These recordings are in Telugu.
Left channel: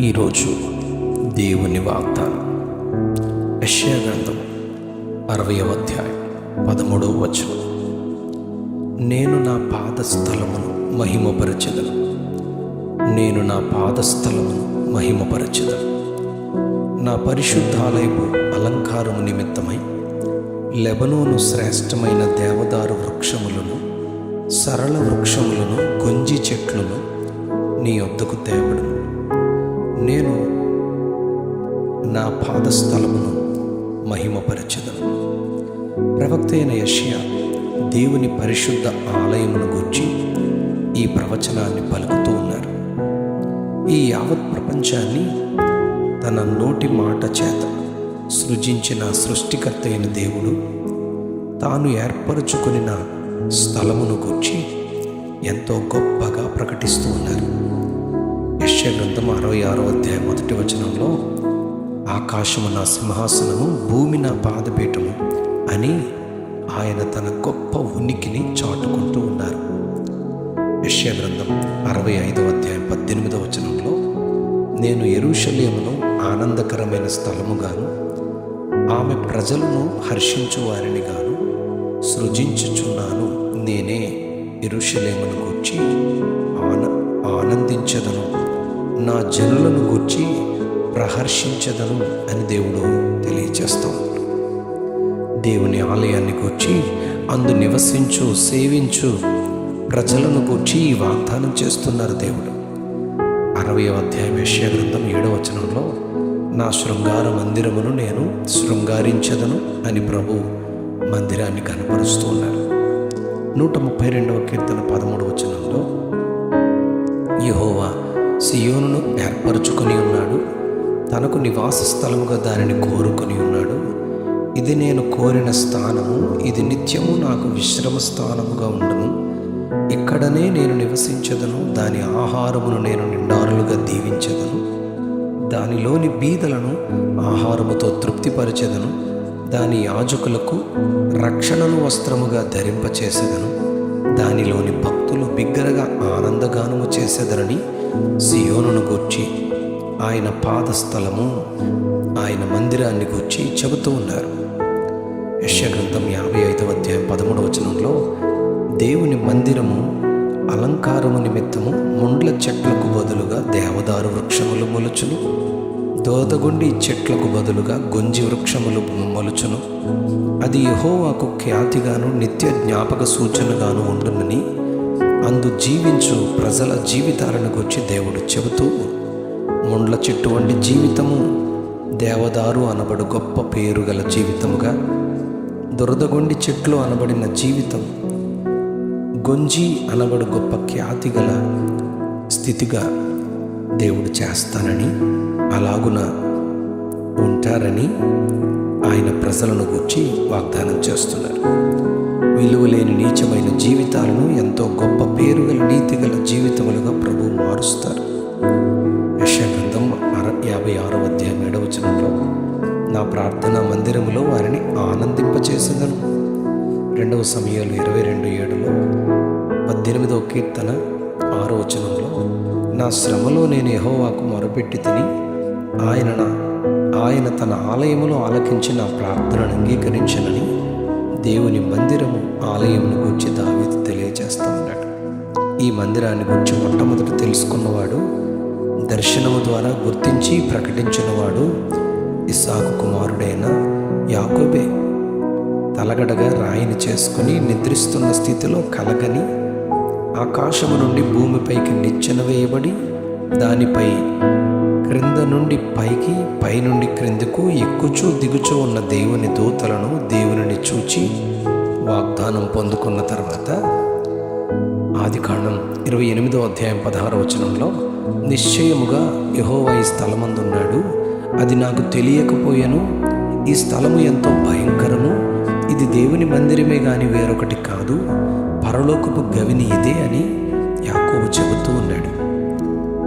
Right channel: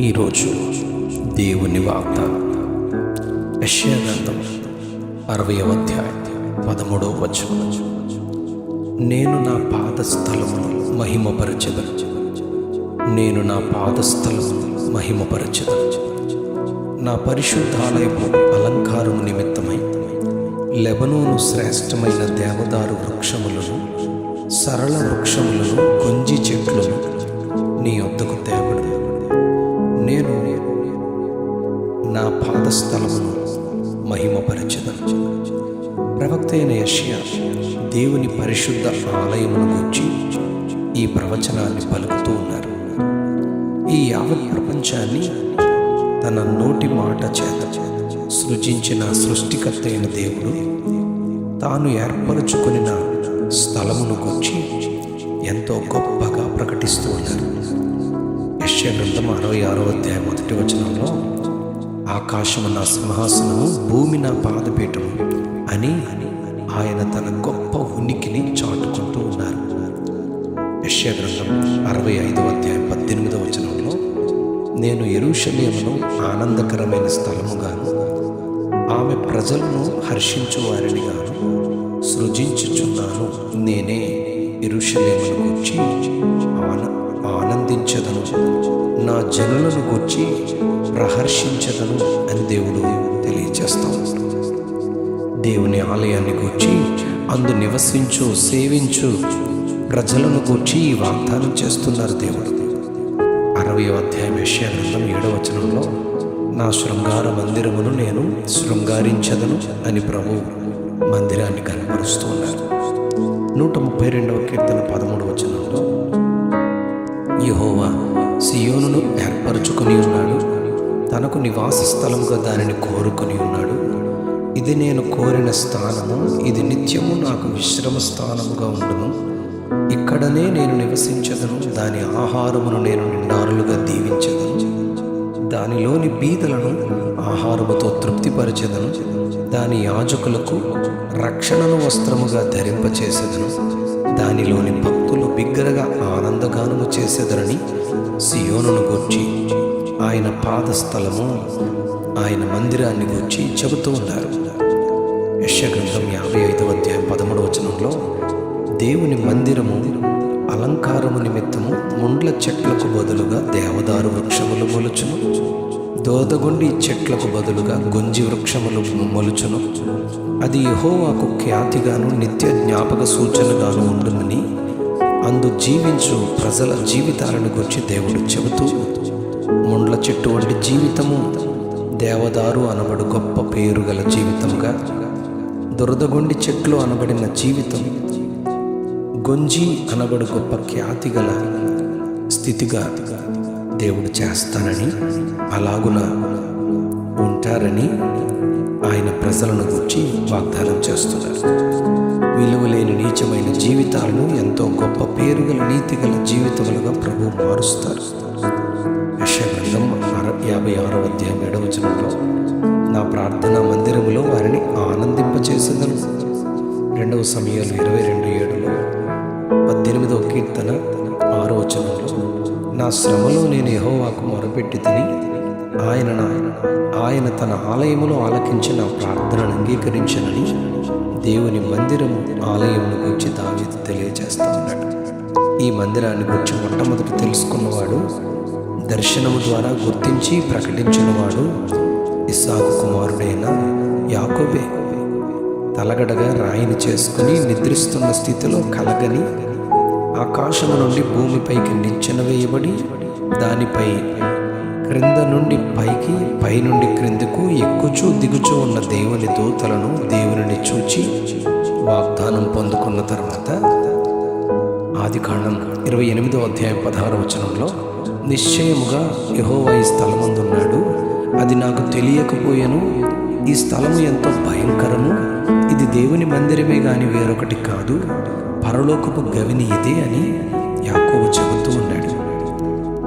ఈరోజు దేవుని వాగ్దానం యెషయా గ్రంథం 60వ అధ్యాయం 13వ వచనం. నేను నా పాదస్థలమును మహిమపరచెదను, నేను నా పాదస్థలమును మహిమపరచెదను. నా పరిశుద్ధాలయపు అలంకారము నిమిత్తమై లెబనోను శ్రేష్టమైన దేవదారు వృక్షములను, సరళ వృక్షములను, గొంజి చెట్లను నీ వద్దకు తేబడును. నేను నా పాదస్థలమును మహిమపరచెదను. ప్రవక్త అయిన యెషయా దేవుని పరిశుద్ధ ఆలయమును గూర్చి ఈ ప్రవచనాన్ని పలుకుతూ ఉన్నారు. ఈ యావత్ ప్రపంచాన్ని తన నోటి మాట చేత సృజించిన సృష్టికర్త అయిన దేవుడు తాను ఏర్పరచుకొనిన స్థలమును గూర్చి ఎంతో గొప్పగా ప్రకటిస్తూ ఉన్నారు. యెషయా గ్రంథం 66వ అధ్యాయం 1వ వచనంలో ఆకాశము నా సింహాసనము, భూమి నా పాదపీఠము అని ఆయన తన గొప్ప ఉనికిని చాటుకుంటూ ఉన్నారు. యెషయా గ్రంథం 65వ అధ్యాయం 18వ వచనంలో నేను యెరూషలేమును ఆనందకరమైన స్థలముగాను, ఆమె ప్రజలను హర్షించు వారిని గాను సృజించుచున్నాను. నేనే యెరూషలేమును గూర్చి ఆనందించదను, నా జనులను గూర్చి ప్రహర్షించదను అని దేవుడు తెలియచేస్తూ ఉంటాడు. దేవుని ఆలయాన్ని గూర్చి, అందు నివసించు సేవించు ప్రజలను గూర్చి ఈ వాగ్దానం చేస్తున్నారు దేవుడు. 60వ అధ్యాయం యెషయా గ్రంథం 7వ వచనంలో నా శృంగార మందిరమును నేను శృంగారించదను అని ప్రభు మందిరాన్ని కనపరుస్తూ ఉన్నారు. 132వ కీర్తన 13వ వచనంలో యెహోవా సియోనును ఏర్పరచుకొని ఉన్నాడు, తనకు నివాస స్థలముగా దానిని కోరుకొని ఉన్నాడు. ఇది నేను కోరిన స్థానము, ఇది నిత్యము నాకు విశ్రమ స్థానముగా ఉండును. ఇక్కడనే నేను నివసించదను, దాని ఆహారమును నేను నిండారులుగా దీవించదను. దానిలోని బీదలను ఆహారముతో తృప్తిపరచెదను. దాని యాజకులకు రక్షణను వస్త్రముగా ధరింపచేసేదను. దానిలోని భక్తులు బిగ్గరగా ఆనందగానము చేసేదరని సియోనును గూర్చి, ఆయన పాదస్థలము, ఆయన మందిరాన్ని గూర్చి చెబుతూ ఉన్నారు. యెషయా గ్రంథం 55వ అధ్యాయం 13వ వచనంలో దేవుని మందిరము అలంకారము నిమిత్తము ముండ్ల చెట్లకు బదులుగా దేవదారు వృక్షములు మొలుచును, దోదగుండి చెట్లకు బదులుగా గొంజి వృక్షములు మొలుచును. అది యెహోవాకు ఖ్యాతిగాను నిత్య జ్ఞాపక సూచనగాను ఉండునని అందు జీవించు ప్రజల జీవితాలను గురించి దేవుడు చెబుతూ, ముండ్ల చెట్టు వంటి జీవితము దేవదారు అనబడు గొప్ప పేరు గల జీవితముగా, దురదగొండి చెట్లు అనబడిన జీవితం గొంజి అనబడు గొప్ప ఖ్యాతి గల స్థితిగా దేవుడు చేస్తానని, అలాగున ఉంటారని ఆయన ప్రజలను గూర్చి వాగ్దానం చేస్తున్నారు. విలువలేని నీచమైన జీవితాలను ఎంతో గొప్ప పేరుగల నీతిగల జీవితములుగా ప్రభు మారుస్తారు. యెషయా గ్రంథం 56వ అధ్యాయం 7వ వచనంలో నా ప్రార్థనా మందిరములో వారిని ఆనందింపచేసేదను. 2వ సమూయేలు 22:7లో 18వ కీర్తన 6వ వచనంలో నా శ్రమలో నేను యెహోవాకు మొరపెట్టి తిని ఆయన తన ఆలయములో ఆలకించి నా ప్రార్థనను అంగీకరించనని దేవుని మందిరము ఆలయమును గూర్చి దావీదు తెలియజేస్తూ ఉన్నాడు. ఈ మందిరాన్ని గూర్చి మొట్టమొదట తెలుసుకున్నవాడు, దర్శనము ద్వారా గుర్తించి ప్రకటించినవాడు ఇస్సాకు కుమారుడైన యాకోబే. తలగడగా రాయిని చేసుకుని నిద్రిస్తున్న స్థితిలో కలగని ఆకాశము నుండి భూమిపైకి నిచ్చెన వేయబడి, దానిపై క్రింద నుండి పైకి, పై నుండి క్రిందకు ఎక్కుచూ దిగుచూ ఉన్న దేవుని దూతలను దేవునిని చూచి వాగ్దానం పొందుకున్న తర్వాత ఆదికాండం 28వ అధ్యాయం 16వ వచనంలో నిశ్చయముగా యెహోవా ఈ స్థలమందున్నాడు, అది నాకు తెలియకపోయెను. ఈ స్థలము ఎంతో భయంకరము, ఇది దేవుని మందిరమే గాని వేరొకటి కాదు, పరలోకపు గవిని ఇదే అని యాకోబు చెబుతూ ఉన్నాడు.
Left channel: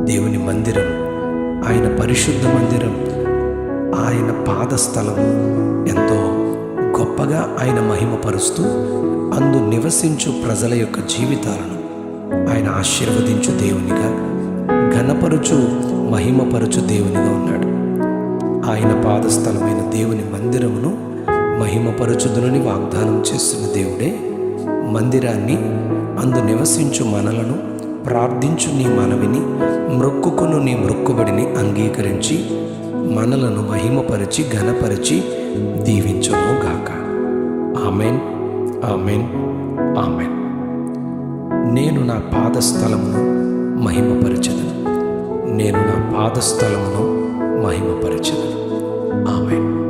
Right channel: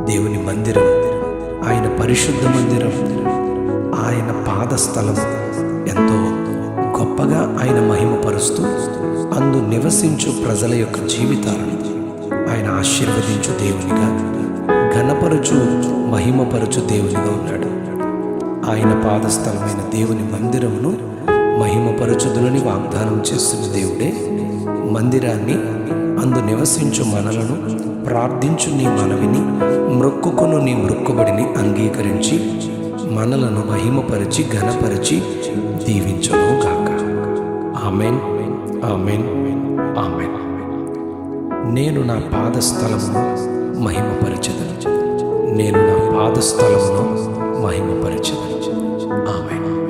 దేవుని మందిరం, ఆయన పరిశుద్ధ మందిరం, ఆయన పాదస్థలం ఎంతో గొప్పగా ఆయన మహిమపరుస్తూ అందు నివసించు ప్రజల యొక్క జీవితాలను ఆయన ఆశీర్వదించు దేవునిగా, ఘనపరుచు మహిమపరచు దేవునిగా ఉన్నాడు. ఆయన పాదస్థలమైన దేవుని మందిరమును మహిమపరచుదునని వాగ్దానం చేస్తున్న దేవుడే మందిరాన్ని, అందు నివసించు మనలను, ప్రార్థించు నీ మనవిని, మ్రొక్కుకొను నీ మ్రొక్కుబడిని అంగీకరించి మనలను మహిమపరిచి ఘనపరిచి దీవించును గాక. Amen, amen, amen. నేను నా పాదస్థలమును మహిమపరచెదను. నేను నా పాదస్థలమును మహిమపరచెదను. ఆమెన్.